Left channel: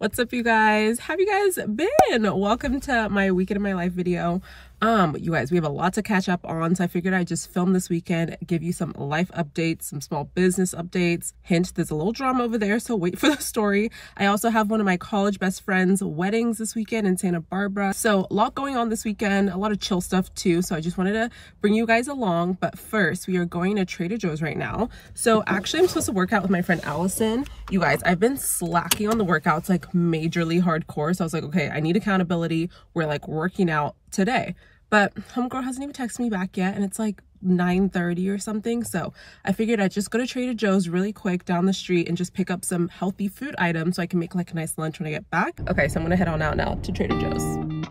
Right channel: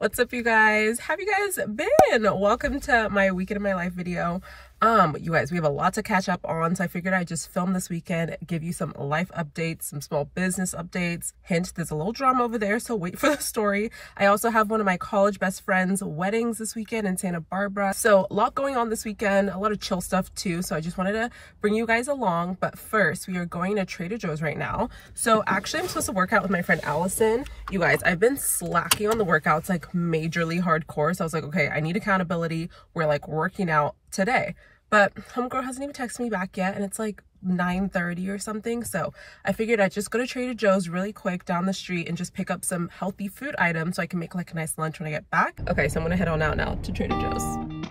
What's up, you guys? How have you guys been? Welcome to my weekend in my life video. You guys, we have a lot to catch up on, so I figured I'd just film this weekend, give you some life updates, some small business updates. Hint, there's a little drama over there, so wait for the story. I also have one of my college best friends' weddings this weekend in Santa Barbara, so a lot going on this weekend, a lot of chill stuff too, so I just wanted to bring you guys along. But first, we are going to Trader Joe's right now. So actually, I'm supposed to work out with my friend Allison. You guys, I've been slacking on the workouts, like majorly hardcore, so I was like, okay, I need accountability. We're like working out today. But homegirl hasn't even texted me back yet, and it's like 9:30 or something. So I figured I'd just go to Trader Joe's really quick down the street and just pick up some healthy food items so I can make like a nice lunch when I get back. Okay, so I'm gonna head on out now to Trader Joe's.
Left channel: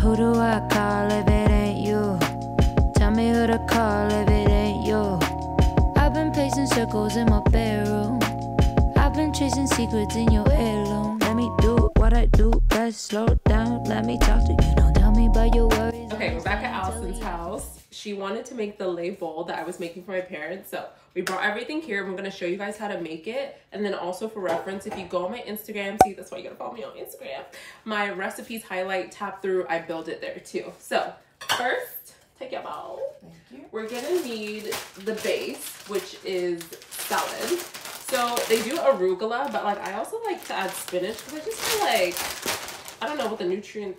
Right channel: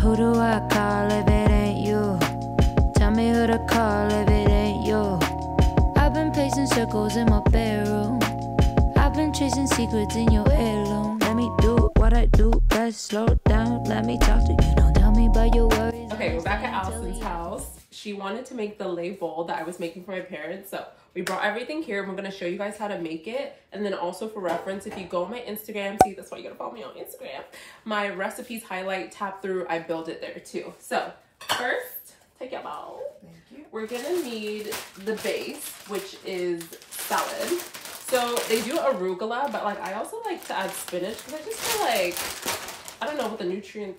Who do I call if it ain't you? Tell me who to call if it ain't you. I've been pacing circles in my bedroom. I've been chasing secrets in your heirloom. Let me do what I do best. Slow down, let me talk to you. Don't tell me about your worries. Okay, we're back at Allison's house. She wanted to make the lei bowl that I was making for my parents, so we brought everything here and we're going to show you guys how to make it. And then also for reference, if you go on my Instagram, see, that's why you gotta follow me on Instagram, my recipes highlight, tap through, I build it there too. So first, take your bowl. Thank you. We're gonna need the base, which is salad. So they do arugula, but like I also like to add spinach because I just feel like, I don't know what the nutrient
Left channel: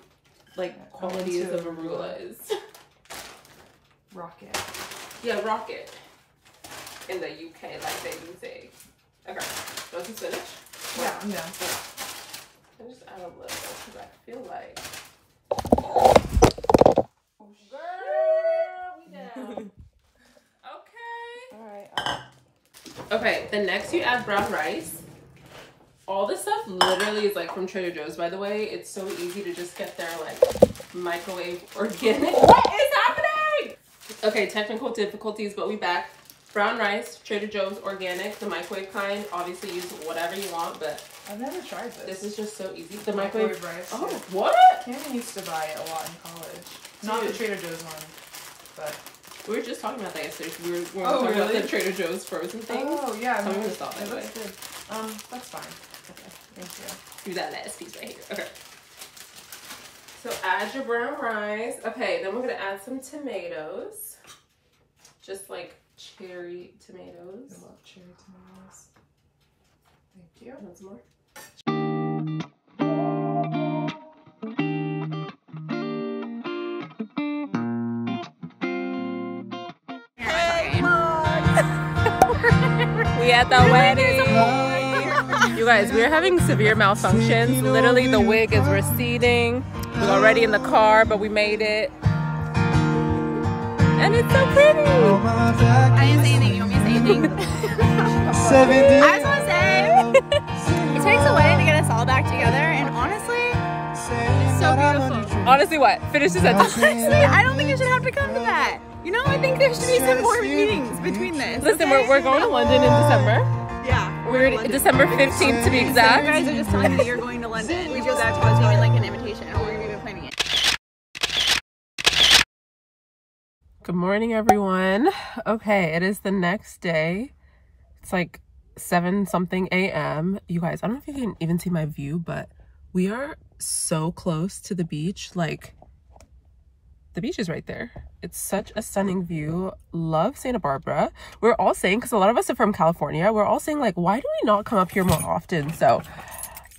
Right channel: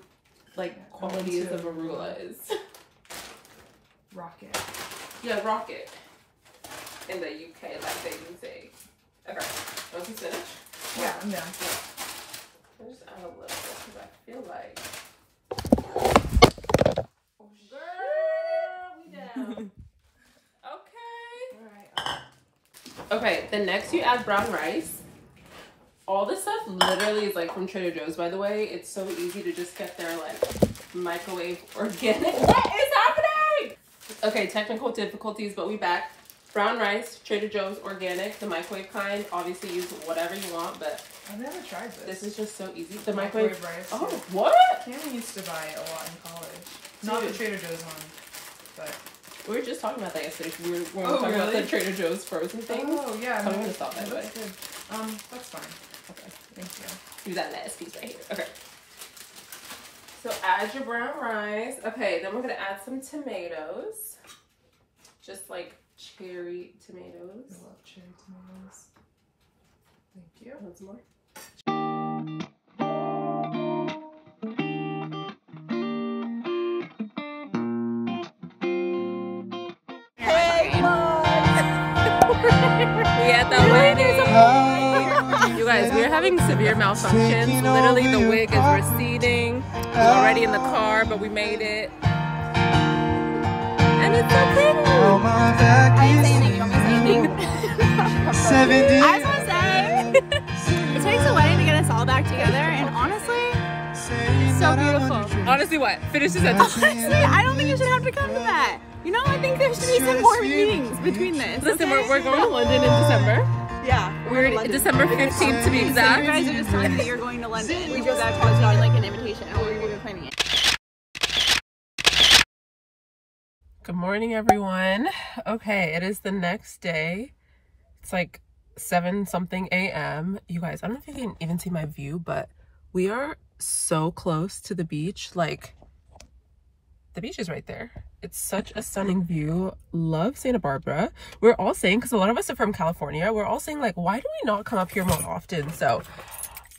like quality is of arugula is. Rocket. Yeah, rocket. In the UK, like they do say. Okay, want some spinach? Yeah, I'm down. I'll just add a little because I feel like. Oh, girl, we down. Okay. Alright. Okay, then next you add brown rice. All this stuff literally is like from Trader Joe's, by the way. It's so easy to just get their like microwave organic. What is happening? Okay, technical difficulties, but we back. Brown rice, Trader Joe's organic, the microwave kind. Obviously use whatever you want, but I've never tried this. this is just so easy. The microwave rice. Oh, what? Cameron used to buy it a lot in college. Not the Trader Joe's one, but We were just talking about that yesterday. We were talking really? about the Trader Joe's frozen things. oh yeah, I'm gonna stop, by the way. That's good. That's fine. Okay. Thank you. Do that last piece right here. Okay. So add your brown rice. Okay, then we're gonna add some tomatoes. Just like cherry tomatoes. I love cherry tomatoes. Thank you. Want some more? We at the wedding. You guys, we're having severe malfunctions. Literally, the wig is receding. We're already in the car, but we made it. And it's so pretty. I didn't say anything. You want me to say anything? I just want to say, it takes a wedding to get us all back together, and honestly, it's so beautiful. Honestly, what? Finish the sentence. Honestly, I don't think it should have to come to that. You know, I think there should be some more meetings between this. Listen, okay? we're going to London in December. Yeah. We're December 15th to be So exact. you guys are just telling me that you're going to London without causing me like an invitation, or we're even planning it. Good morning, everyone. Okay, it is the next day. It's like 7-something a.m. You guys, I don't know if you can even see my view, but we are so close to the beach. Like, the beach is right there. It's such a stunning view. Love Santa Barbara. We're all saying, because a lot of us are from California, we're all saying like, why do we not come up here more often? So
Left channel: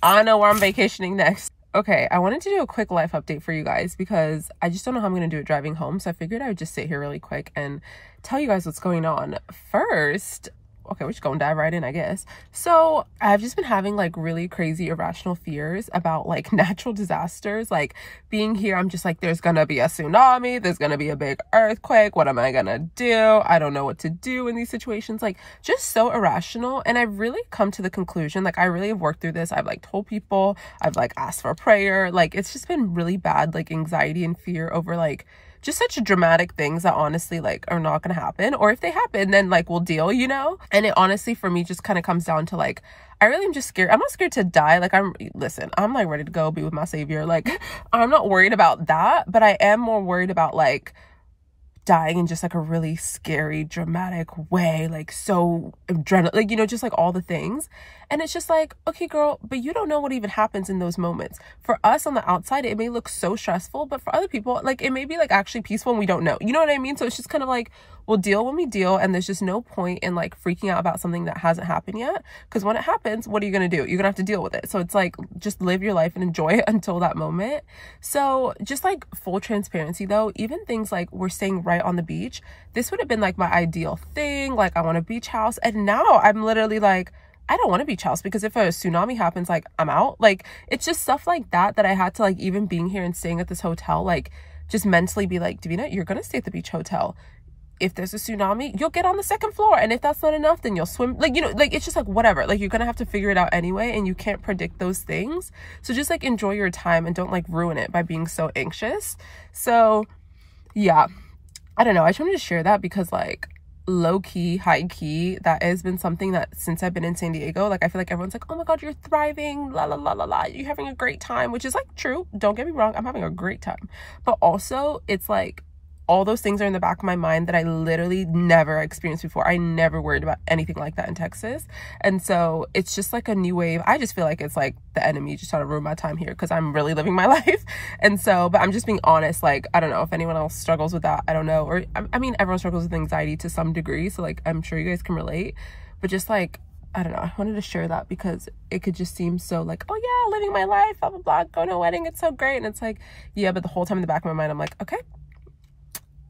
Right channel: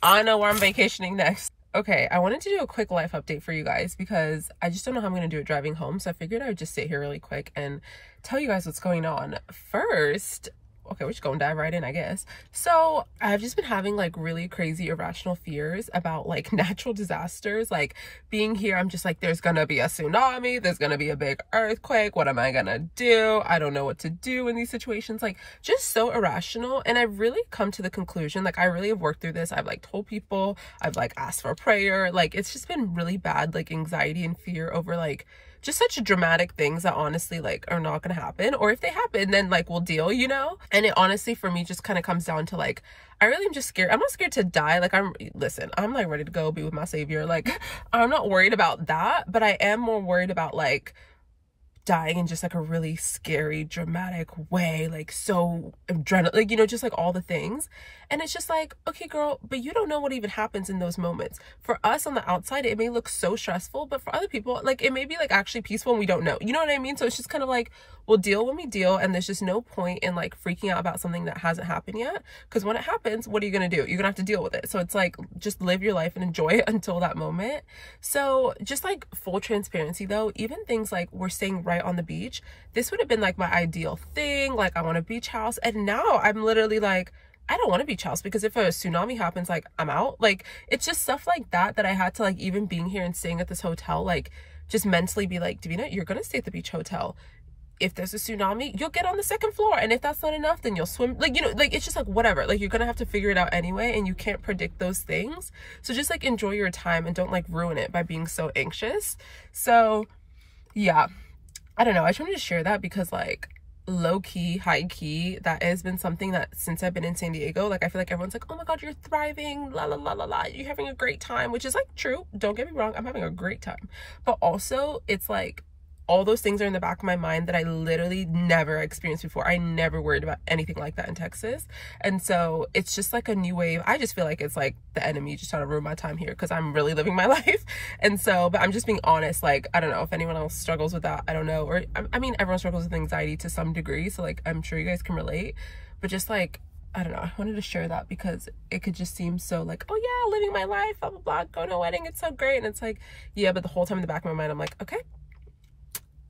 I know where I'm vacationing next. Okay, I wanted to do a quick life update for you guys because I just don't know how I'm going to do it driving home. So I figured I would just sit here really quick and tell you guys what's going on. First, okay, we're just gonna dive right in, I guess. So I've just been having like really crazy irrational fears about like natural disasters. Like being here, I'm just like, there's gonna be a tsunami, there's gonna be a big earthquake, what am I gonna do? I don't know what to do in these situations. Like just so irrational. And I've really come to the conclusion, like I really have worked through this. I've like told people, I've like asked for prayer. Like it's just been really bad, like anxiety and fear over like just such dramatic things that honestly like are not gonna happen, or if they happen then like we'll deal, you know. And it honestly for me just kind of comes down to like, I really am just scared. I'm not scared to die. Like I'm like ready to go be with my savior. Like I'm not worried about that, but I am more worried about like dying in just like a really scary, dramatic way, like so adrenaline, like, you know, just like all the things. And it's just like, okay girl, but you don't know what even happens in those moments. For us on the outside it may look so stressful, but for other people like it may be like actually peaceful and we don't know, you know what I mean? So it's just kind of like, we'll deal when we deal, and there's just no point in like freaking out about something that hasn't happened yet, because when it happens, what are you gonna do? You're gonna have to deal with it. So it's like, just live your life and enjoy it until that moment. So just like full transparency though, even things like we're staying right on the beach, this would have been like my ideal thing, like I want a beach house, and now I'm literally like, I don't want a beach house, because if a tsunami happens, like I'm out. Like it's just stuff like that I had to like, even being here and staying at this hotel, like just mentally be like, Davina, you're gonna stay at the beach hotel. If there's a tsunami, you'll get on the second floor, and if that's not enough, then you'll swim. Like, you know, like it's just like whatever, like you're gonna have to figure it out anyway, and you can't predict those things. So just like enjoy your time and don't like ruin it by being so anxious. So yeah, I don't know, I just wanted to share that because like low-key, high-key, that has been something that since I've been in San Diego, like I feel like everyone's like, oh my god, you're thriving, la la la la la, you're having a great time, which is like true, don't get me wrong, I'm having a great time, but also it's like all those things are in the back of my mind that I literally never experienced before. I never worried about anything like that in Texas. And so it's just like a new wave. I just feel like it's like the enemy just trying to ruin my time here because I'm really living my life. And so, but I'm just being honest. Like, I don't know if anyone else struggles with that. I don't know. Or I mean, everyone struggles with anxiety to some degree. So like, I'm sure you guys can relate. But just like, I don't know, I wanted to share that because it could just seem so like, oh yeah, living my life, blah, blah, blah, going to a wedding, it's so great. And it's like, yeah, but the whole time in the back of my mind, I'm like, okay,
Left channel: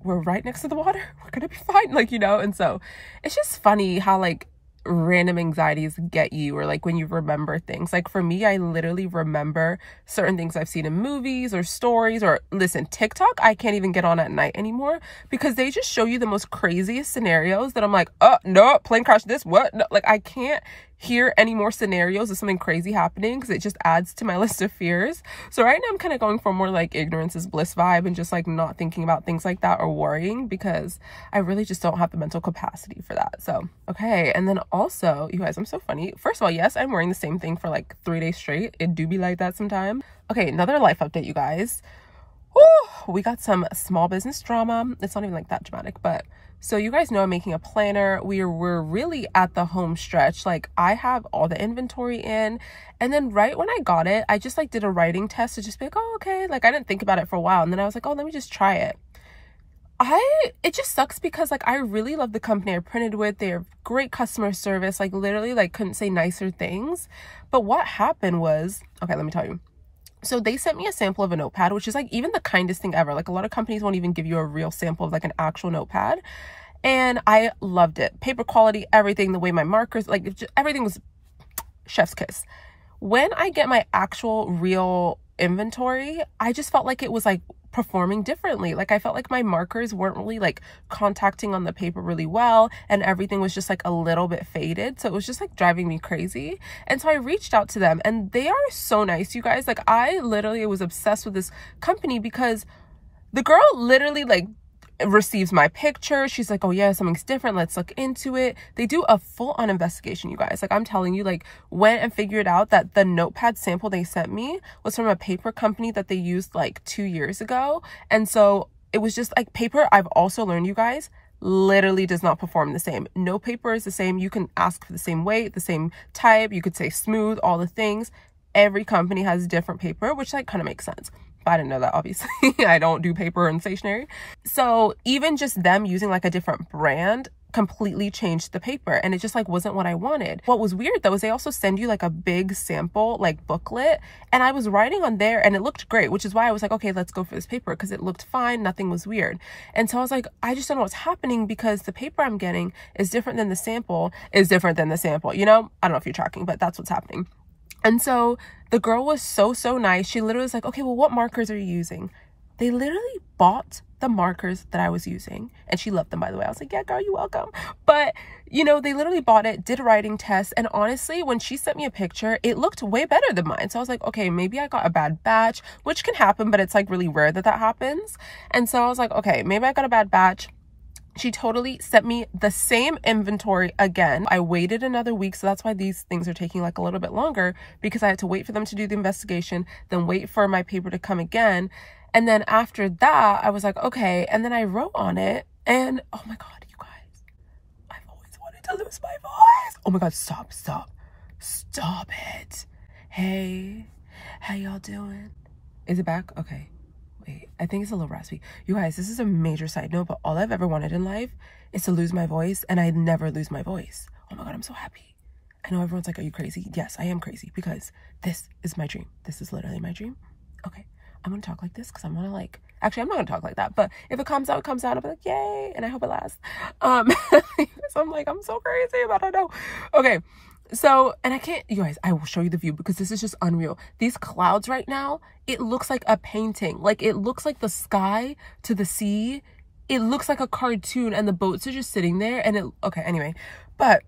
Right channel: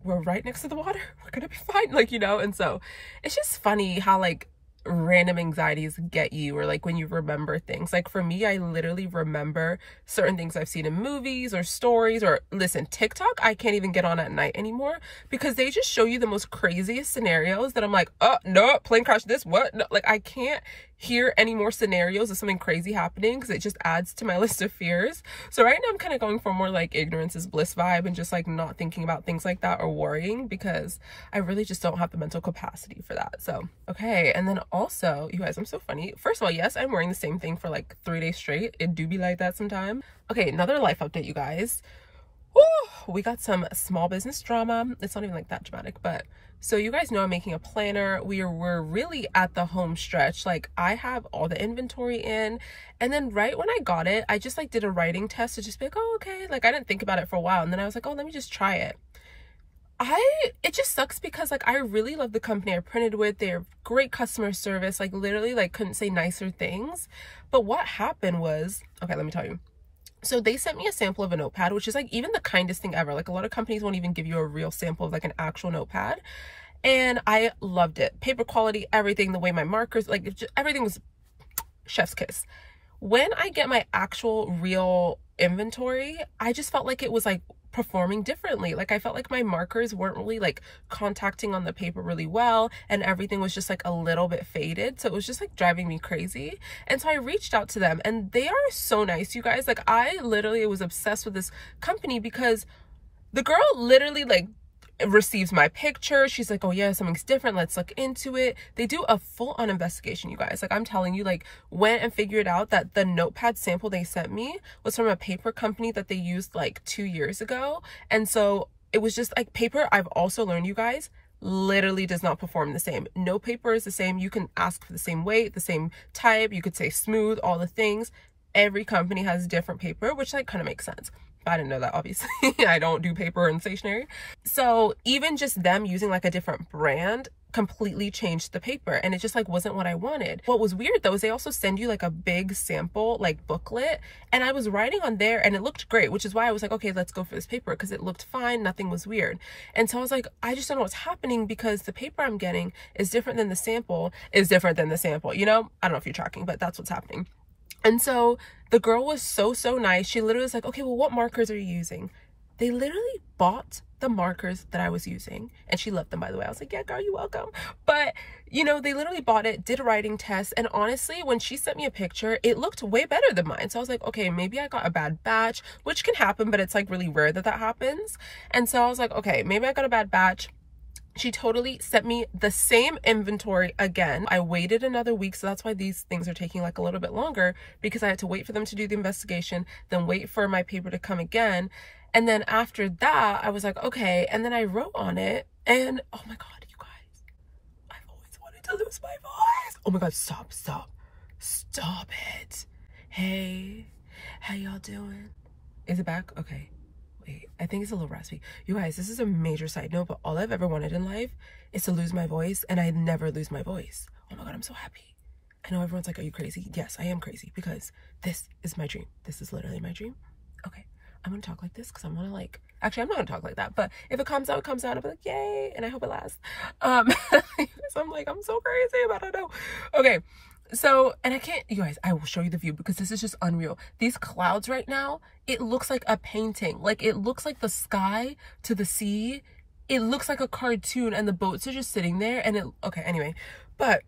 we're right next to the water, we're gonna be fine, like, you know. And so it's just funny how like random anxieties get you, or like when you remember things. Like for me, I literally remember certain things I've seen in movies or stories, or listen, TikTok I can't even get on at night anymore because they just show you the most craziest scenarios that I'm like, oh no, plane crash, this, what, no, like I can't hear any more scenarios of something crazy happening because it just adds to my list of fears. So right now I'm kind of going for more like ignorance is bliss vibe and just like not thinking about things like that or worrying, because I really just don't have the mental capacity for that. So okay, and then also you guys, I'm so funny. First of all, yes, I'm wearing the same thing for like 3 days straight. It do be like that sometimes. Okay, another life update, you guys. Woo, we got some small business drama. It's not even like that dramatic, but so you guys know I'm making a planner. We're really at the home stretch. Like I have all the inventory in, and then right when I got it, I just like did a writing test to just be like, oh okay, like I didn't think about it for a while, and then I was like, oh, let me just try it. It just sucks because like I really love the company I printed with. They're great customer service, like literally like couldn't say nicer things. But what happened was, okay, let me tell you. So they sent me a sample of a notepad, which is like even the kindest thing ever. Like a lot of companies won't even give you a real sample of like an actual notepad. And I loved it. Paper quality, everything, the way my markers, like everything was chef's kiss. When I get my actual real inventory, I just felt like it was like performing differently. Like I felt like my markers weren't really like contacting on the paper really well, and everything was just like a little bit faded. So it was just like driving me crazy. And so I reached out to them, and they are so nice, you guys. Like I literally was obsessed with this company because the girl literally like receives my picture. She's like, oh yeah, something's different, let's look into it. They do a full-on investigation, you guys. Like I'm telling you, like went and figured out that the notepad sample they sent me was from a paper company that they used like 2 years ago. And so it was just like paper, I've also learned, you guys, literally does not perform the same. No paper is the same. You can ask for the same weight, the same type, you could say smooth, all the things. Every company has different paper, which like kind of makes sense. I didn't know that, obviously. I don't do paper and stationery. So even just them using like a different brand completely changed the paper, and it just like wasn't what I wanted. What was weird though is they also send you like a big sample like booklet, and I was writing on there and it looked great, which is why I was like, okay, let's go for this paper, because it looked fine, nothing was weird. And so I was like, I just don't know what's happening because the paper I'm getting is different than the sample, you know? I don't know if you're tracking, but that's what's happening. And so the girl was so nice. She literally was like, okay, well, what markers are you using? They literally bought the markers that I was using, and she loved them, by the way. I was like, yeah, girl, you're welcome. But you know, they literally bought it, did a writing test, and honestly, when she sent me a picture, it looked way better than mine. So I was like, okay, maybe I got a bad batch, which can happen, but it's like really rare that that happens. And so I was like, okay, maybe I got a bad batch. She totally sent me the same inventory again. I waited another week, so that's why these things are taking like a little bit longer, because I had to wait for them to do the investigation, then wait for my paper to come again. And then after that, I was like, okay. And then I wrote on it, and oh my God, you guys, I've always wanted to lose my voice. Oh my God, stop it. Hey, how y'all doing? Is it back? Okay. Wait, I think it's a little raspy. You guys, this is a major side note, but all I've ever wanted in life is to lose my voice, and I never lose my voice. Oh my God, I'm so happy. I know everyone's like, are you crazy? Yes, I am crazy, because this is my dream. This is literally my dream. Okay, I'm gonna talk like this because I'm gonna like, actually, I'm not gonna talk like that, but if it comes out, it comes out. I'll be like, yay, and I hope it lasts. So I'm like, I'm so crazy, but I don't know. Okay. So, and I can't, you guys, I will show you the view because this is just unreal. These clouds right now, it looks like a painting. Like, it looks like the sky to the sea. It looks like a cartoon, and the boats are just sitting there, and it, okay, anyway. But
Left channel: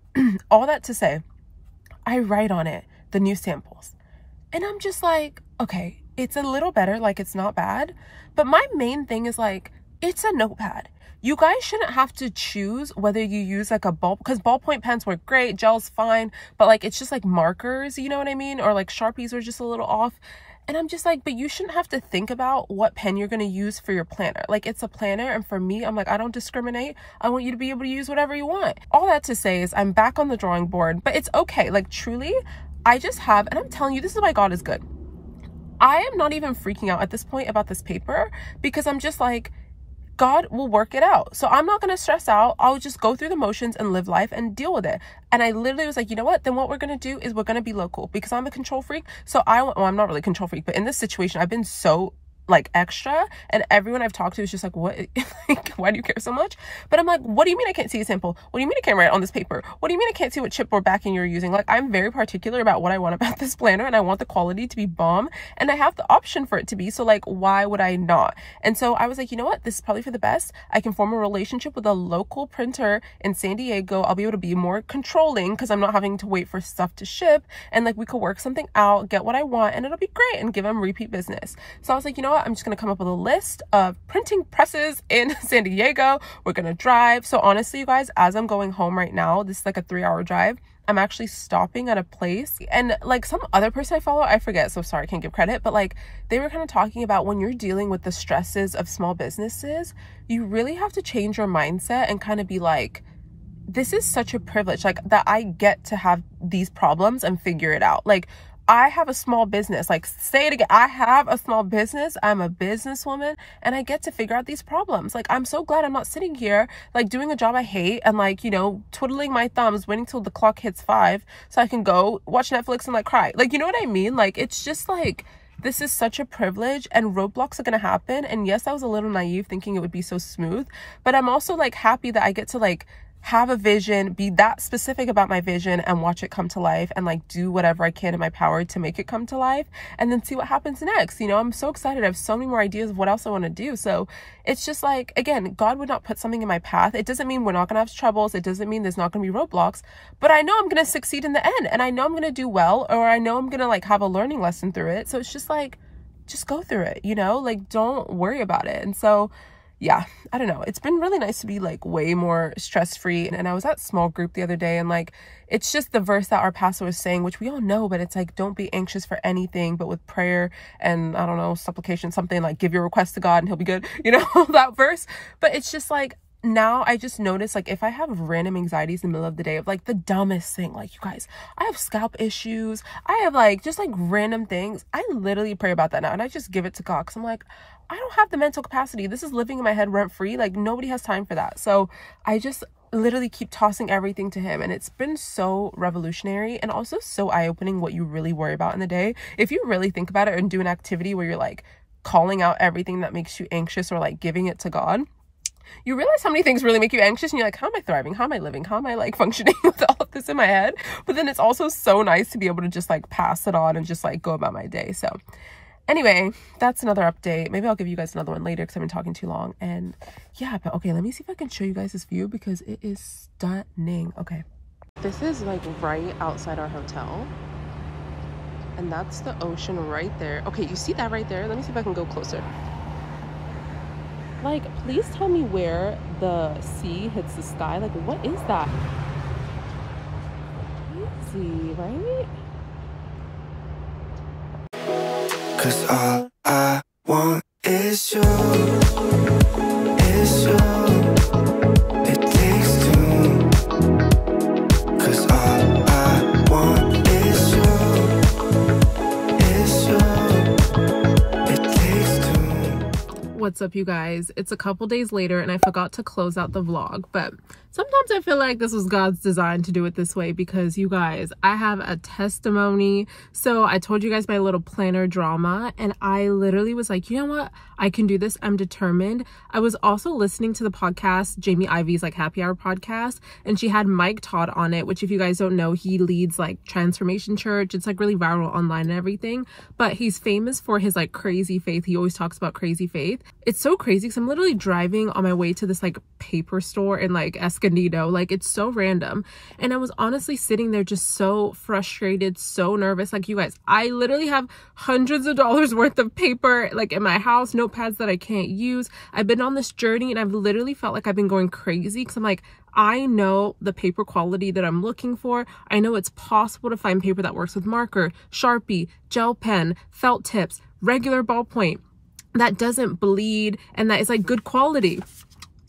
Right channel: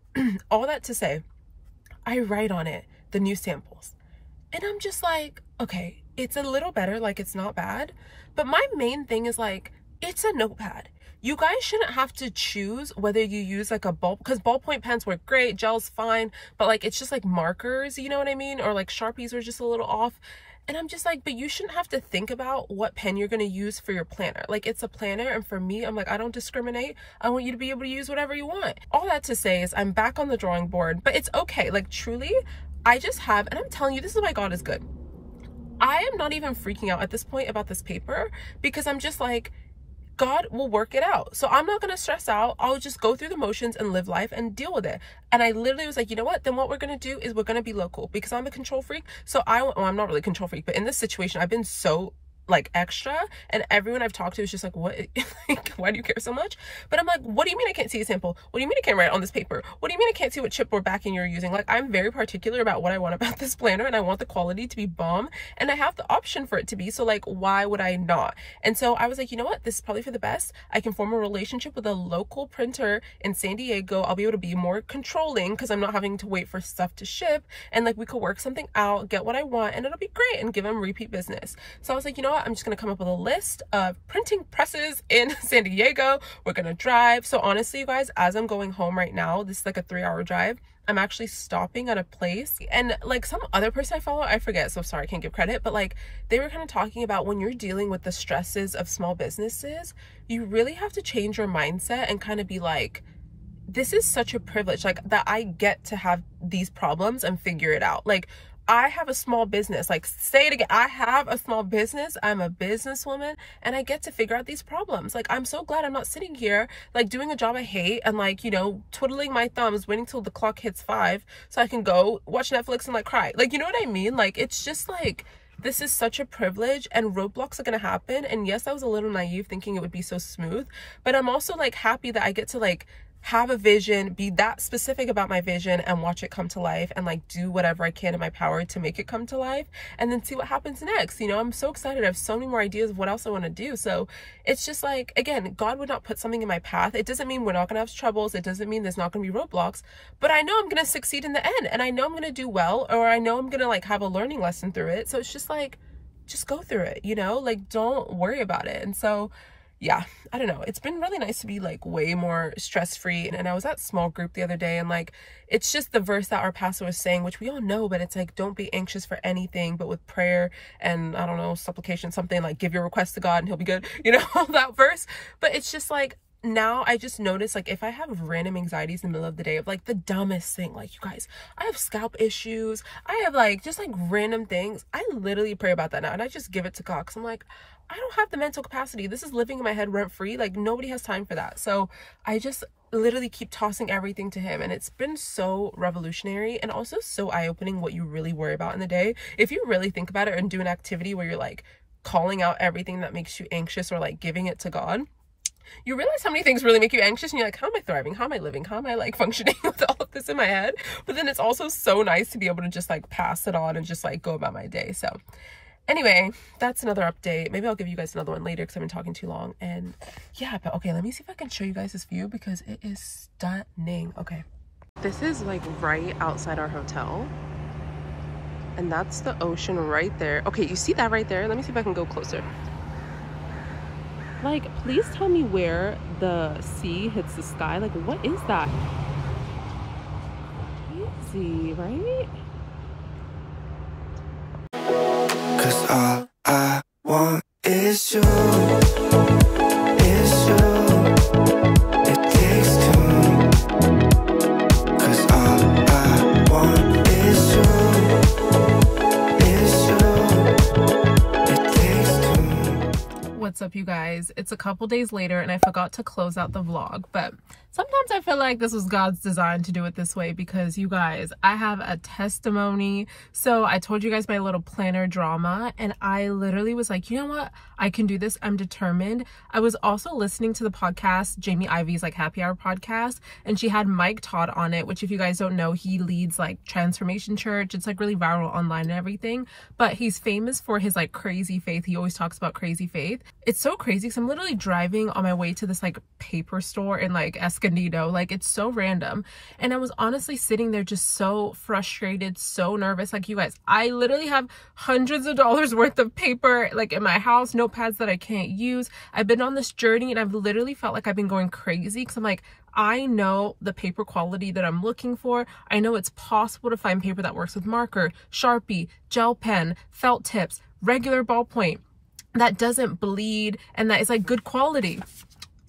all that to say, I write on it the new samples, and I'm just like, okay, it's a little better, like it's not bad. But my main thing is like, it's a notepad. You guys shouldn't have to choose whether you use like a ball, because ballpoint pens work great, gel's fine, but like it's just like markers, you know what I mean? Or like Sharpies are just a little off. And I'm just like, but you shouldn't have to think about what pen you're going to use for your planner. Like, it's a planner, and for me, I'm like, I don't discriminate. I want you to be able to use whatever you want. All that to say is I'm back on the drawing board, but it's okay. Like, truly, I just have, and I'm telling you, this is why God is good. I am not even freaking out at this point about this paper, because I'm just like, God will work it out. So I'm not going to stress out. I'll just go through the motions and live life and deal with it. And I literally was like, you know what? Then what we're going to do is we're going to be local, because I'm a control freak. So well, I'm not really a control freak, but in this situation, I've been so like extra, and everyone I've talked to is just like, what, like, why do you care so much? But I'm like, what do you mean I can't see a sample? What do you mean I can't write on this paper? What do you mean I can't see what chipboard backing you're using? Like, I'm very particular about what I want about this planner, and I want the quality to be bomb, and I have the option for it to be, so like, why would I not? And so I was like, you know what, this is probably for the best. I can form a relationship with a local printer in San Diego. I'll be able to be more controlling because I'm not having to wait for stuff to ship, and like, we could work something out, get what I want, and it'll be great, and give them repeat business. So I was like, you know what, I'm just gonna come up with a list of printing presses in San Diego. We're gonna drive. So honestly, you guys, as I'm going home right now, this is like a 3-hour drive, I'm actually stopping at a place, and like some other person I follow, I forget, so sorry, I can't give credit, but like they were kind of talking about when you're dealing with the stresses of small businesses, you really have to change your mindset and kind of be like, this is such a privilege, like, that I get to have these problems and figure it out. Like, I have a small business, like, say it again, I have a small business, I'm a businesswoman, and I get to figure out these problems. Like, I'm so glad I'm not sitting here, like, doing a job I hate, and like, you know, twiddling my thumbs, waiting till the clock hits 5 so I can go watch Netflix and like cry. Like, you know what I mean? Like, it's just like, this is such a privilege, and roadblocks are gonna happen. And yes, I was a little naive thinking it would be so smooth, but I'm also like happy that I get to like have a vision, be that specific about my vision, and watch it come to life, and like do whatever I can in my power to make it come to life, and then see what happens next. You know, I'm so excited. I have so many more ideas of what else I want to do. So it's just like, again, God would not put something in my path. It doesn't mean we're not gonna have troubles. It doesn't mean there's not gonna be roadblocks, but I know I'm gonna succeed in the end, and I know I'm gonna do well, or I know I'm gonna like have a learning lesson through it. So it's just like, just go through it, you know, like, don't worry about it. And so yeah, I don't know, it's been really nice to be like way more stress-free. And I was at small group the other day, and like, it's just the verse that our pastor was saying, which we all know, but it's like, don't be anxious for anything, but with prayer and, I don't know, supplication, something like, give your request to God and he'll be good, you know, that verse. But it's just like, now I just notice, like, if I have random anxieties in the middle of the day of like the dumbest thing, like, you guys, I have scalp issues, I have like just like random things, I literally pray about that now, and I just give it to God, because I'm like, I don't have the mental capacity. This is living in my head rent free. Like, nobody has time for that. So I just literally keep tossing everything to him, and it's been so revolutionary, and also so eye-opening what you really worry about in the day. If you really think about it and do an activity where you're like calling out everything that makes you anxious, or like giving it to God, you realize how many things really make you anxious, and you're like, how am I thriving? How am I living? How am I like functioning with all of this in my head? But then it's also so nice to be able to just like pass it on and just like go about my day. So Anyway, that's another update. Maybe I'll give you guys another one later because I've been talking too long. And yeah, but okay, let me see if I can show you guys this view because it is stunning. Okay, this is like right outside our hotel, and that's the ocean right there. Okay, you see that right there? Let me see if I can go closer. Like, please tell me where the sea hits the sky. Like, what is that? Crazy, right? 'Cause all I want is you, is you. It takes two. 'Cause all I want is you, is you. It takes two. What's up, you guys? It's a couple days later and I forgot to close out the vlog, but sometimes I feel like this was God's design to do it this way because you guys, I have a testimony. So I told you guys my little planner drama and I literally was like, you know what? I can do this. I'm determined. I was also listening to the podcast, Jamie Ivy's like Happy Hour podcast, and she had Mike Todd on it, which if you guys don't know, he leads like Transformation Church. It's like really viral online and everything, but he's famous for his like crazy faith. He always talks about crazy faith. It's so crazy because I'm literally driving on my way to this like paper store in like Escondido. Like, it's so random, and I was honestly sitting there just so frustrated, so nervous. Like, you guys, I literally have hundreds of dollars worth of paper like in my house, notepads that I can't use. I've been on this journey and I've literally felt like I've been going crazy because I'm like, I know the paper quality that I'm looking for. I know it's possible to find paper that works with marker, Sharpie, gel pen, felt tips, regular ballpoint, that doesn't bleed, and that is like good quality.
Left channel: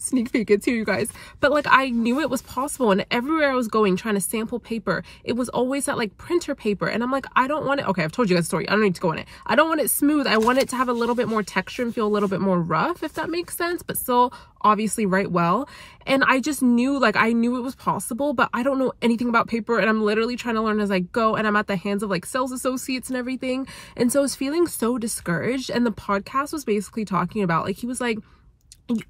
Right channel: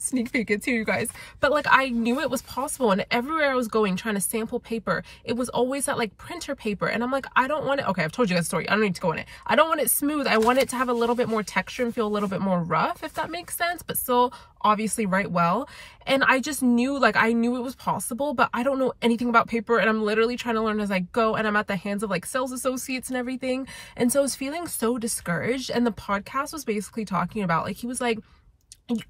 Sneak peek, it's here, you guys. But like, I knew it was possible, and everywhere I was going trying to sample paper, it was always that like printer paper, and I'm like, I don't want it. Okay, I've told you that story. I don't need to go on it. I don't want it smooth. I want it to have a little bit more texture and feel a little bit more rough, if that makes sense, but still obviously write well. And I just knew, like, I knew it was possible, but I don't know anything about paper, and I'm literally trying to learn as I go, and I'm at the hands of like sales associates and everything. And so I was feeling so discouraged, and the podcast was basically talking about, like, he was like,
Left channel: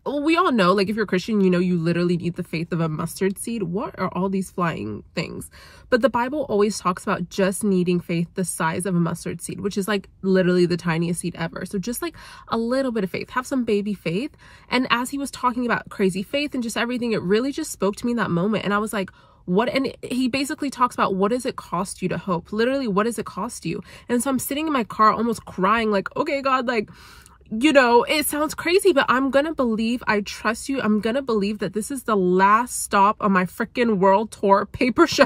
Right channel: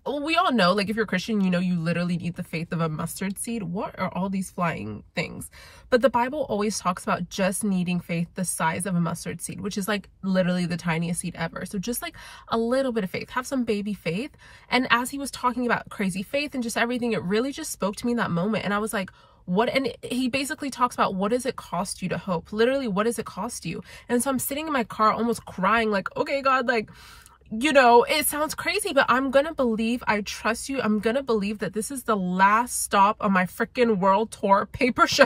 we all know, like, if you're a Christian, you know, you literally need the faith of a mustard seed. What are all these flying things? But the Bible always talks about just needing faith the size of a mustard seed, which is like literally the tiniest seed ever. So just like a little bit of faith, have some baby faith. And as he was talking about crazy faith and just everything, it really just spoke to me in that moment. And I was like, what? And he basically talks about, what does it cost you to hope? Literally, what does it cost you? And so I'm sitting in my car almost crying, like, okay, God, like, you know, it sounds crazy, but I'm gonna believe, I trust you. I'm gonna believe that this is the last stop on my freaking world tour paper show.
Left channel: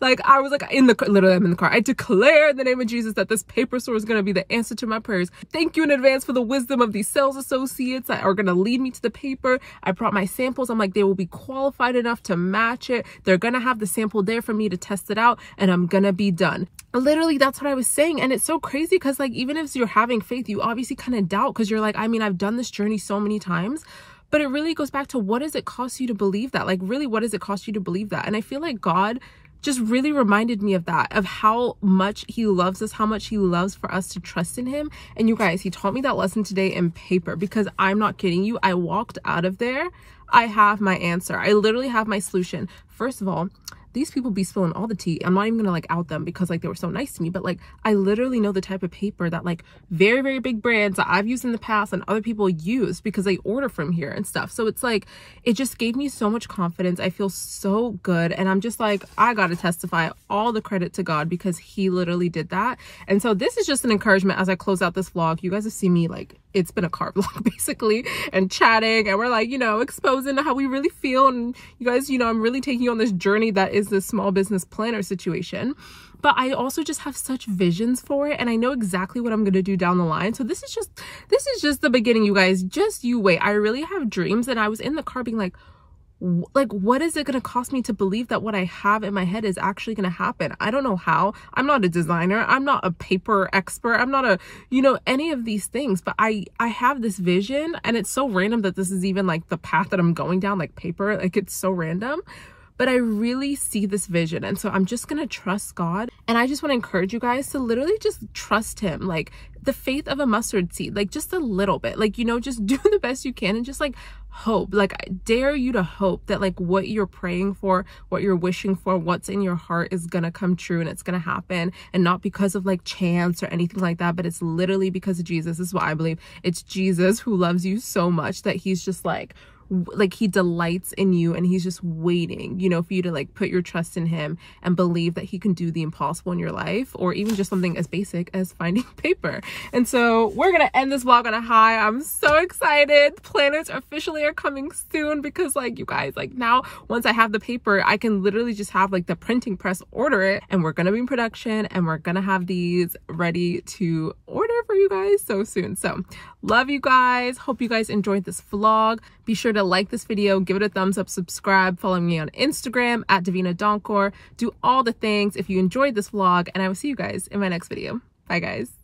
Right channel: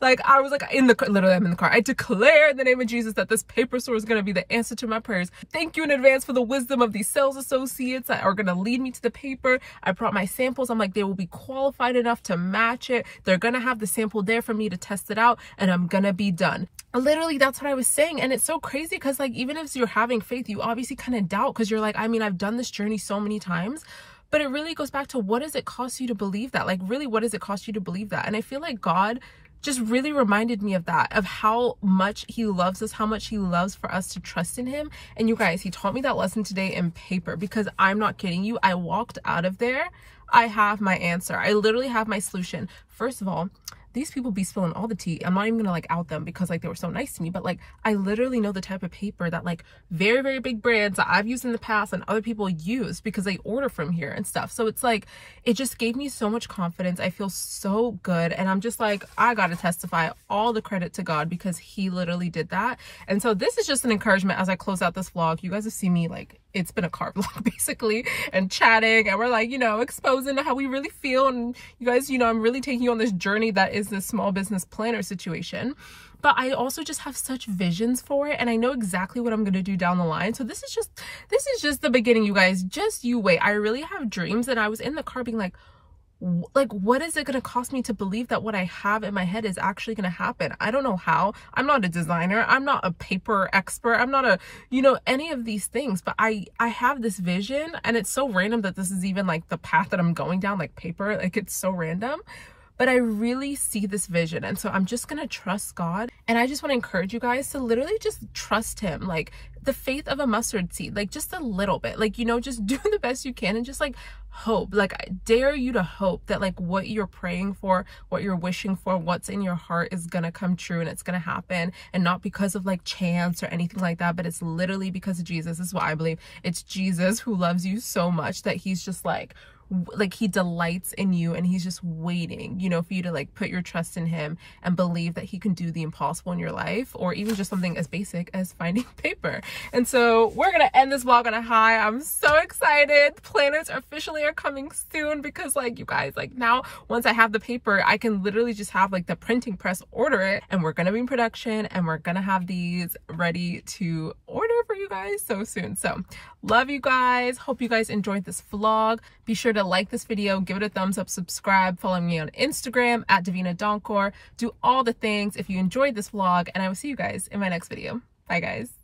Like, I was like, literally, I'm in the car. I declare in the name of Jesus that this paper store is gonna be the answer to my prayers. Thank you in advance for the wisdom of these sales associates that are gonna lead me to the paper. I brought my samples. I'm like, they will be qualified enough to match it. They're gonna have the sample there for me to test it out, and I'm gonna be done. Literally, that's what I was saying. And it's so crazy because, like, even if you're having faith, you obviously kind of doubt, because you're like, I mean, I've done this journey so many times, but it really goes back to, what does it cost you to believe that? Like, really, what does it cost you to believe that? And I feel like God just really reminded me of that, of how much he loves us, how much he loves for us to trust in him. And you guys, he taught me that lesson today in paper, because I'm not kidding you. I walked out of there, I have my answer. I literally have my solution. First of all, these people be spilling all the tea. I'm not even gonna like out them because like they were so nice to me, but like, I literally know the type of paper that like very, very big brands that I've used in the past and other people use because they order from here and stuff. So it's like, it just gave me so much confidence. I feel so good. And I'm just like, I gotta testify all the credit to God, because he literally did that. And so this is just an encouragement as I close out this vlog. You guys have seen me, like, it's been a car vlog basically, and chatting, and we're like, you know, exposing how we really feel. And you guys, you know, I'm really taking you on this journey that is this small business planner situation. But I also just have such visions for it, and I know exactly what I'm going to do down the line. So this is just the beginning, you guys. Just you wait. I really have dreams. And I was in the car being like, what is it going to cost me to believe that what I have in my head is actually going to happen? I don't know how. I'm not a designer. I'm not a paper expert. I'm not a, you know, any of these things, but I have this vision, and it's so random that this is even like the path that I'm going down, like paper, like it's so random. but I really see this vision. And so I'm just gonna trust God. And I just want to encourage you guys to literally just trust him, like the faith of a mustard seed, like just a little bit, like, you know, just do the best you can and just like hope. Like, I dare you to hope that like what you're praying for, what you're wishing for, what's in your heart is gonna come true and it's gonna happen, and not because of like chance or anything like that, but it's literally because of Jesus. This is what I believe. It's Jesus who loves you so much that he's just like he delights in you, and he's just waiting, you know, for you to like put your trust in him and believe that he can do the impossible in your life, or even just something as basic as finding paper. And so we're gonna end this vlog on a high. I'm so excited. Planners officially are coming soon, because like, you guys, like now once I have the paper, I can literally just have like the printing press order it, and we're gonna be in production, and we're gonna have these ready to order for you guys so soon. So love you guys. Hope you guys enjoyed this vlog. Be sure to like this video, give it a thumbs up, subscribe, follow me on Instagram at Davina Donkor. Do all the things if you enjoyed this vlog, and I will see you guys in my next video. Bye guys.